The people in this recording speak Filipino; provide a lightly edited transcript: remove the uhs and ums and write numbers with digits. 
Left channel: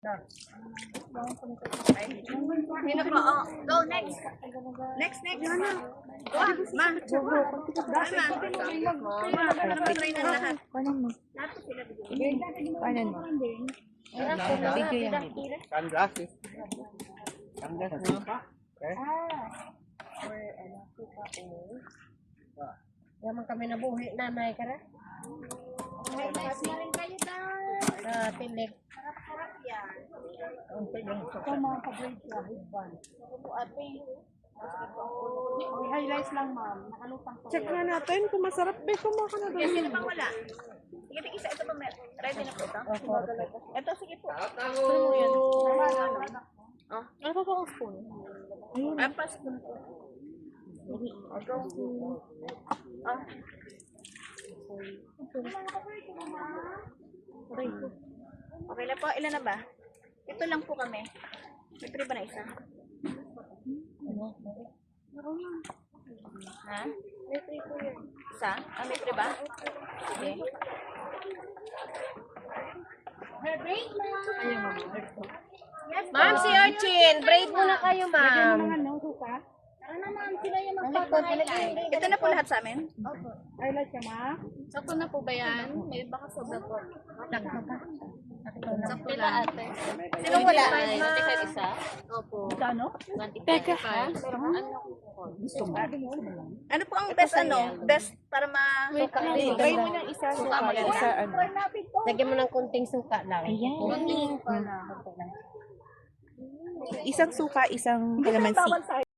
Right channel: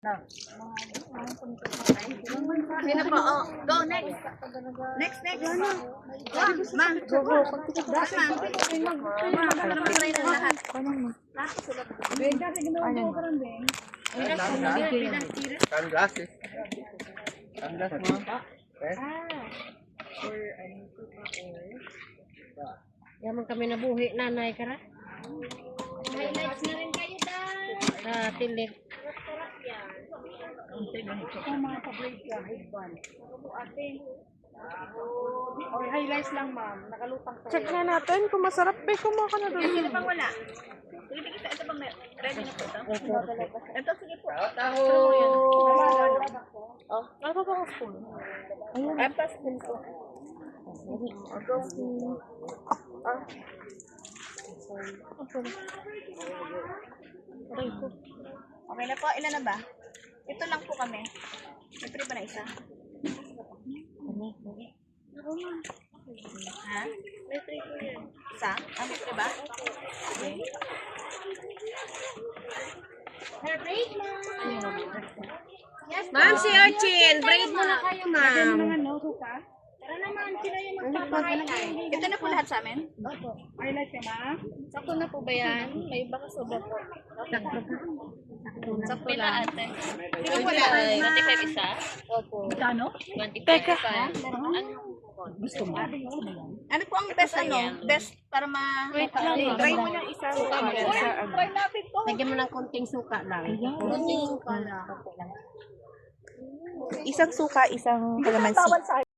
Sino po? Oh, go next. Next. Go. Ma'am. Go. Sunglasses. Sunglasses mo. Okay. Yaman kami nabuhi, nanay ka na. Highlights na rin kayo, Dad. Sa tilig. Sarap-sarap yan. Ito mga paborito ka, headband. Or highlights lang, ma'am. Nakalutang pa. Check na natin kung masarap. Be, kumuha ka na doon. Sino pang wala? Sige, isa. Ito pang ready na po ito. Ito, sige po. Oh, ano pa ang spoon? Apple spoon po. Okay na po. Ilan na ba? Ito lang po kami. May free ba na isa? Ha? May free po yan. Isa? Ah, may free ba? Okay. Ma'am, si Urchin, braid mo na kayo, ma'am. Ano, suka? Tara naman, sila yung magpapahayay. Ito na po lahat sa amin? Highlight ka, ma'am. Sakto na po ba yan? May baka sobra po. Sakto na ate. Sino wala? 25 isa? Opo. Kano? 25. Teka. Gusto mo? Ano po ang best Best para Wait lang. Try mo yung isa. Isa ano. Lagyan mo ng konting suka lang. Kunting pala. Isang suka, isang kalamansi.